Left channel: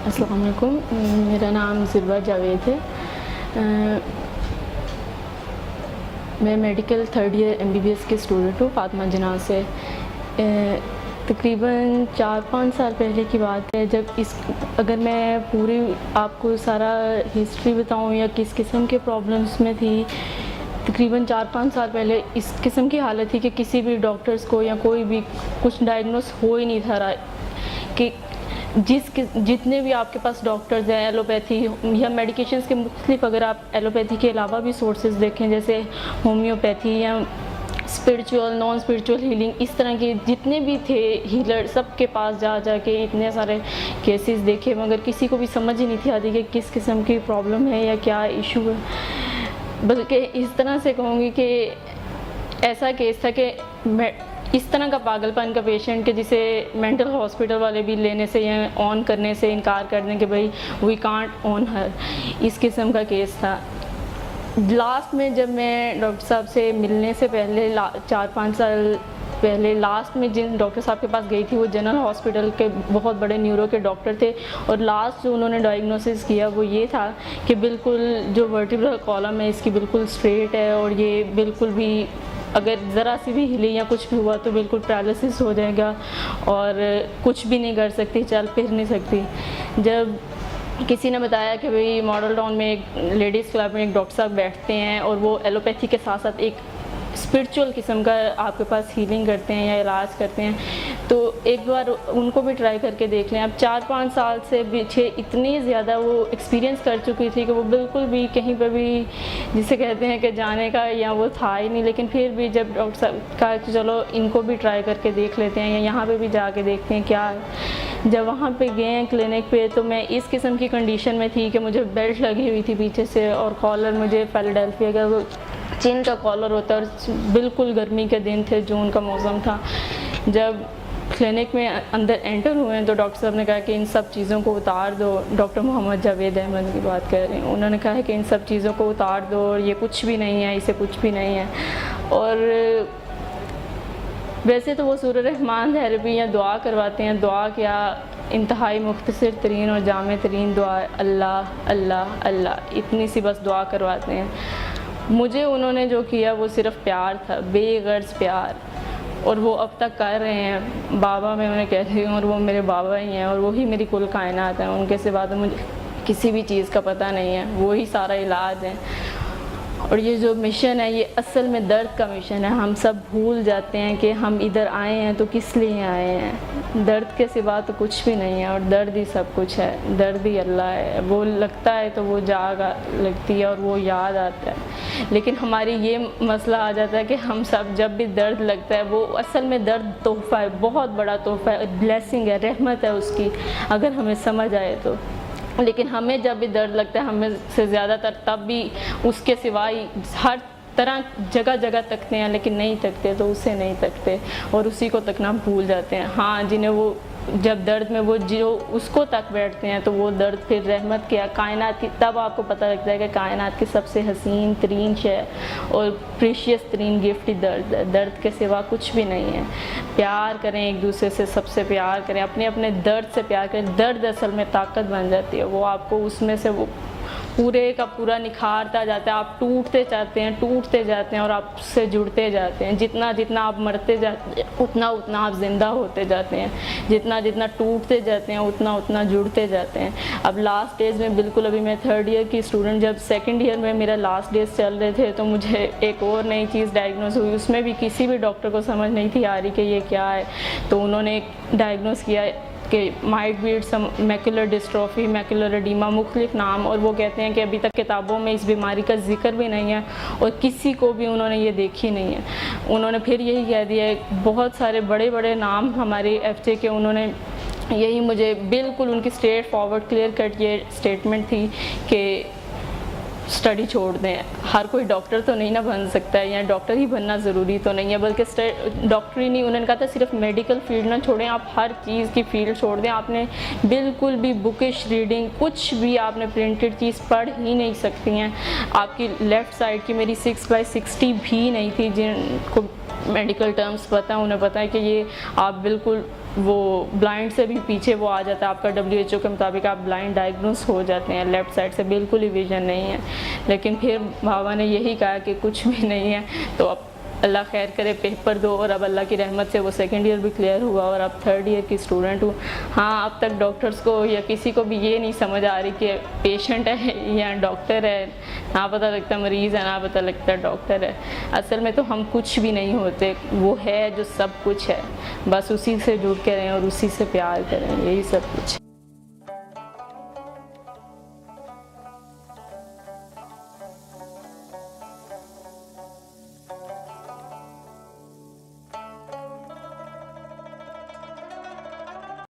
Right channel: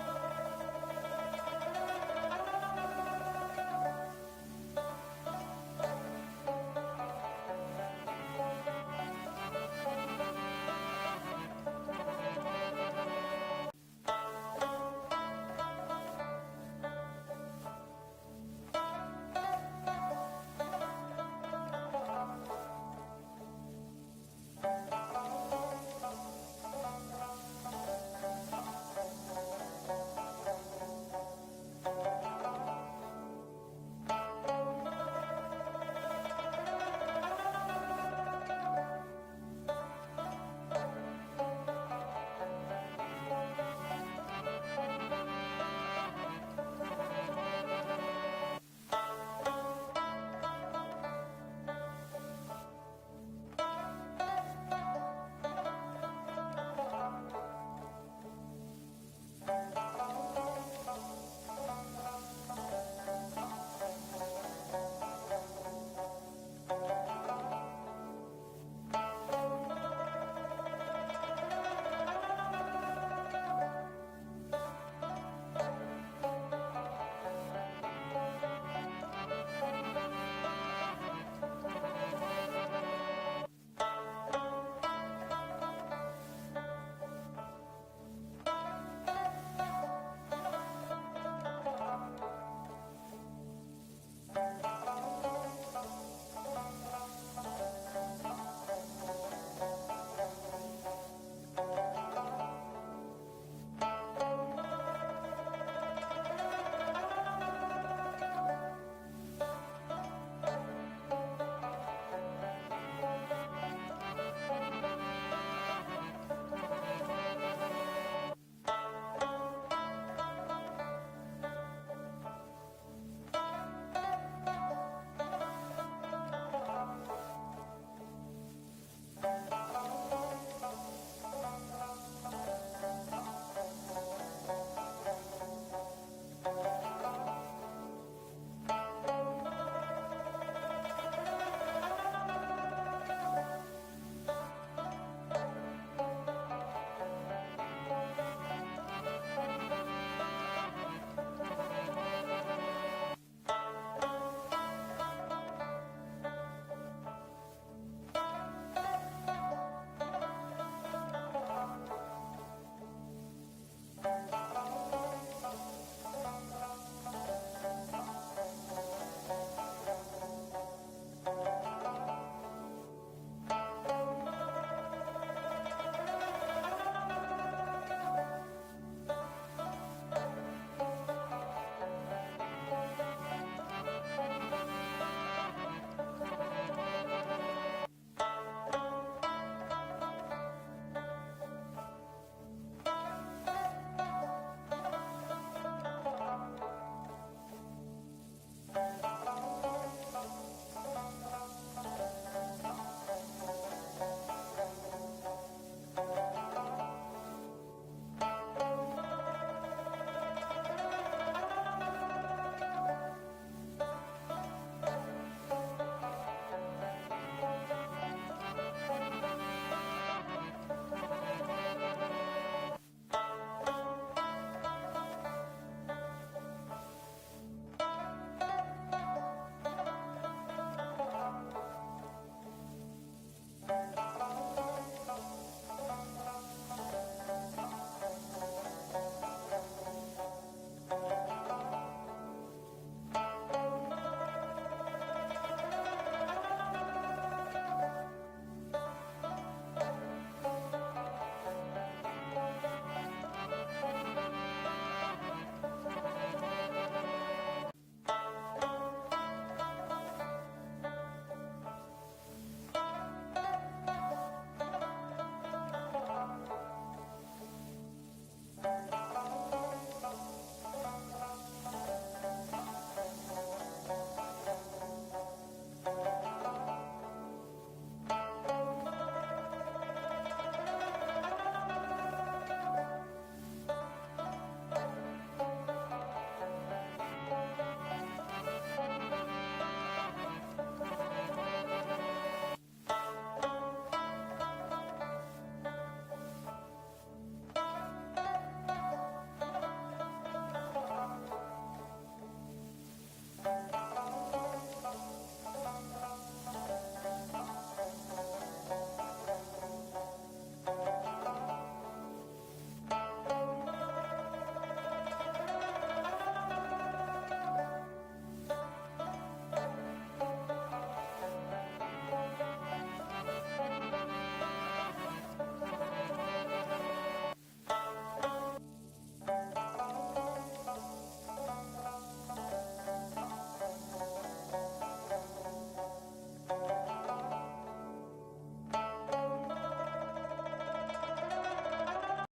अस्सलाम वालेकुम। मेरा नाम ज़िरवा जावेद है। मैं मेडिकल थर्ड ईयर MBBS की स्टूडेंट हूँ, फ़ातिमा जना से। तकरीबन 4-5 साल पहले की बात है, जब अगर मैं पूरी आपको सारा हिस्ट्री बताऊँ या किस किस्म के प्रॉब्लम्स में थी। तकरीबन 4-5 साल पहले इस किस्म की हालत थी कि किसी भी डॉक्टर्स को या कोई भी कुछ डायग्नोस हो ही नहीं था रहा कि जितने भी आपके पास डॉक्टर्स हैं एलोपैथी या मेडिकेशंस के मुख्तलिफ, अगर आप एलोपैथी के अलावा भी सोर्सेज देखें जैसे होम्योपैथी या स्पिरिचुअल नॉन स्पिरिचुअल हीलिंग, इस तरह के जितने भी थे हीलर, सब के पास जा के इतने सारे केसेस देखे, मगर किसी को भी समझ ही नहीं थी आती कि किस किस्म की प्रॉब्लम है या क्या इशू है। बल्कि इस तरह से कहूँगी कि ऐसा केस था कि इस तरह का पागलपन का पेशेंट के जिसे मेंटल हॉस्पिटल वाले भी लेने से या ऑन करने से इनकार कर दें कि भाई वी कांट ऑन हर, इस किस्म का केस था। लास्ट में जब मैं डॉक्टर साहब से मिलने से पहले 4-5 साल पहले लास्ट में जिन डॉक्टर साहब के पास गई थी वो जनरल हॉस्पिटल के बहुत बड़े न्यूरो के डॉक्टर थे, और लास्ट जो उन्होंने डायग्नोसिस किया वो ये था कि बिल्कुल जो वर्टिब्रल कॉलम है इसकी बिल्कुल स्ट्रेट है, और ये बिल्कुल भी अगर ज़रा सी भी हिली या कुछ भी हुआ तो बिल्कुल पैरालिसिस हो जाएगा और कुछ भी नहीं कर सकती, चल फिर नहीं सकती। जब किसी ने बताया कि भाई मॉडल टाउन में एक लेडीज़ क्लब में एक डॉक्टर साहब बैठते हैं और वो एलोपैथी के साथ साथ एक स्पिरिचुअल किस्म का आपके पास हीलिंग करते हैं या इलाज करते हैं, तो एक बार उनको भी ट्राई करके देख लें। अब 4-5 साल से पीछे इतनी ज़्यादा वो एक्सपीरियंस कर चुकी थी कि वो बिल्कुल भी कहीं पे भी जिसे कहते हैं कि जाने का या वो था ही नहीं। लेकिन फिर भी जब डॉक्टर साहब कहा कि चलो इनको भी ट्राई करके देख लेते हैं या यहाँ पर भी जाके देखते हैं क्या। जब वहाँ पे गए हैं क्लिनिक पे, तो मैं इस किस्म की कंडीशन में थी कि मुझे बेल्ट लगी हुई थी पीछे से, और कॉलर मुझे फिलाडेल्फिया का वो चिन का कॉलर होता है, और बिल्कुल गर्मी के दिन थे, जून का मौसम था। जब क्लिनिक में अंदर एंटर हुए तो डॉक्टर साहब ने कहा कि इन सब चीज़ों को उतार दो। डॉक्टर मोहम्मद जावेद अहमद की बात कर रही हूँ। उन्होंने कहा है कि इन सब चीज़ों को उतार दो और ये कुछ भी नहीं है, इसे कुछ भी नहीं है। और वैसे तो वो सूरह रहमान थेरेपी या दुआ करवाते हैं, दुआ क्या इंतहाई मुख्तसर तरीन और जामे तरीन दुआ, अल्लाह अल्लाह अल्लाह, इतनी सी बस दुआ करवाते हैं। मुझे उन्होंने जो किया वो सिर्फ़ प्यार था, बेगर्ज़ प्यार, और वो अब तक कर रहे हैं। बाबा मैं उन्हें कहती हूँ और वो मेरे बाबा ही हैं, और वही मेरी कुल कायनात है। उनके सिवा तो मुझे किसी भी चीज़ का पता नहीं है, वही सारा इलाज है। और ये जो मिशन है ये असल में दर्द का मिशन है। हम सब भूल जाते हैं कि हम इधर आए हैं तो किस लिए आए हैं। दर्द के सिवा तो कुछ भी नहीं है, और दर्द ही सब कुछ है, दर्द ही अल्लाह है। वो लगता है तो वो जाग लगती है और वो याद आता है। लेकिन हमारी ये मसला आ जाता है कि हम सब जब भी दर्द लगता है, वो असल में दर्द तोहफ़ा है, बहुत बड़ा तोहफ़ा है, ब्लेसिंग है, रहमत है उसकी, अगर हमें समझ आए तो। लेकिन हमें जब भी दर्द लगता है, हमें से ज़्यादातर तब भी उसके सिवाय हर तरह जगह जगह तकते हैं, लेकिन नहीं तकते तो उसे नहीं तकते और उसी को तकना भूल जाते हैं। हाँ, जिन्हें वो जब दर्द में वो जो उसको तक बैठते हैं तो वो दर्द फिर रहमत क्या कायनात की, तब आपको पता लगता है कि कायनात की सबसे हसीन तरीन शय और प्रीशियस तरीन गिफ्ट ही दर्द है। दर्द के सिवा कुछ भी नहीं है। प्यार करें एक दूसरे से, सबसे प्यार करें, अपने अपने दर्द से प्यार करें। दर्द असल में ताकत बन जाती है, वो आपको उसमें से वो पूरे का पूरा निखारता जाता है। आप टूटते जाते हैं और आप उससे जुड़ते जाते हैं। जितना जितना आप मरते जाते हैं उतना उतना आप ज़िंदा होते जाते हैं। जितना जितना टूटते जाते हैं उतना उतना जुड़ते जाते हैं। अब लास्ट डेज में बिल्कुल, अभी मैं थर्ड ईयर की स्टूडेंट, जब सेकंड ईयर में मेरा लास्ट डेज चल रहे थे तो मुझे एक और नई चीज़ डायग्नोस हुई। उसमें भी किसी भी डॉक्टर को समझ नहीं थी आ रही कि ये क्या है। तो उन्होंने डायग्नोस किया कि माइट बीट्स मैकुलर डिस्ट्रॉफी, मैकुलर एडीमा, मुख्तलिफ नाम, और वो कहते हैं कि अभी तक किताबों में इस बीमारी का जिक्र भी नहीं है और किसी को भी उन्होंने ये देखी नहीं है। उन्होंने फिर यही कह दिया है, बहुत सारे बड़े बड़े नाम हमारे FJ के, उन्होंने यही मुझे बिल्कुल उनकी स्ट्रेट फॉरवर्ड क्लियर कट ये स्टेटमेंट थी कि स्टडी छोड़ दें। हर कोई डॉक्टर तो नहीं ना बन सकता है, या डॉक्टर ही बनना ज़रूरी तो नहीं है, बल्कि डॉक्टर ही नहीं, उन्होंने कहा था सिर्फ मेडिकल फील्ड ना छोड़ें, आप हर चीज़ की फील्ड छोड़ दें। आपने बिल्कुल भी बुकिश रीडिंग, कुछ भी आपने प्रिंटेड चीज़ पढ़ ही नहीं सकती हैं। आपकी लेफ़्ट साइड की मेरी 6x60 भी नहीं थी, जिनको मेडिकल टर्म्स पता है, उन्हें पता है कि ये आप बिल्कुल वो ब्लाइंड से भी पीछे वो आ जाता है, आपका WHO के मुताबिक आप ब्लाइंड डायग्नोस हो जाते हैं, लेफ़्ट साइड से बिल्कुल ही विजन नहीं है। लेकिन फिर बाबा ने यही कहा कि कुछ भी नहीं है, तो अब अल्लाह खैर करे, पेपर दो, और अब अल्लाह की रहमत से वो सेकंड ईयर भी क्लियर हुआ और अब थर्ड ईयर की स्टूडेंट हूँ। हाँ, अब तक डॉक्टर्स को या किसी को भी ये नहीं समझ आ रही कि पेशेंट है या डॉक्टर है, ना पता लगता मरीज़ है, ना पता लगता डॉक्टर है। असल में तो हम कुछ भी नहीं होते, वो है जो सब कुछ है, बस उसी से जुड़ के रहें और उसी से प्यार करें, यही सब कुछ है।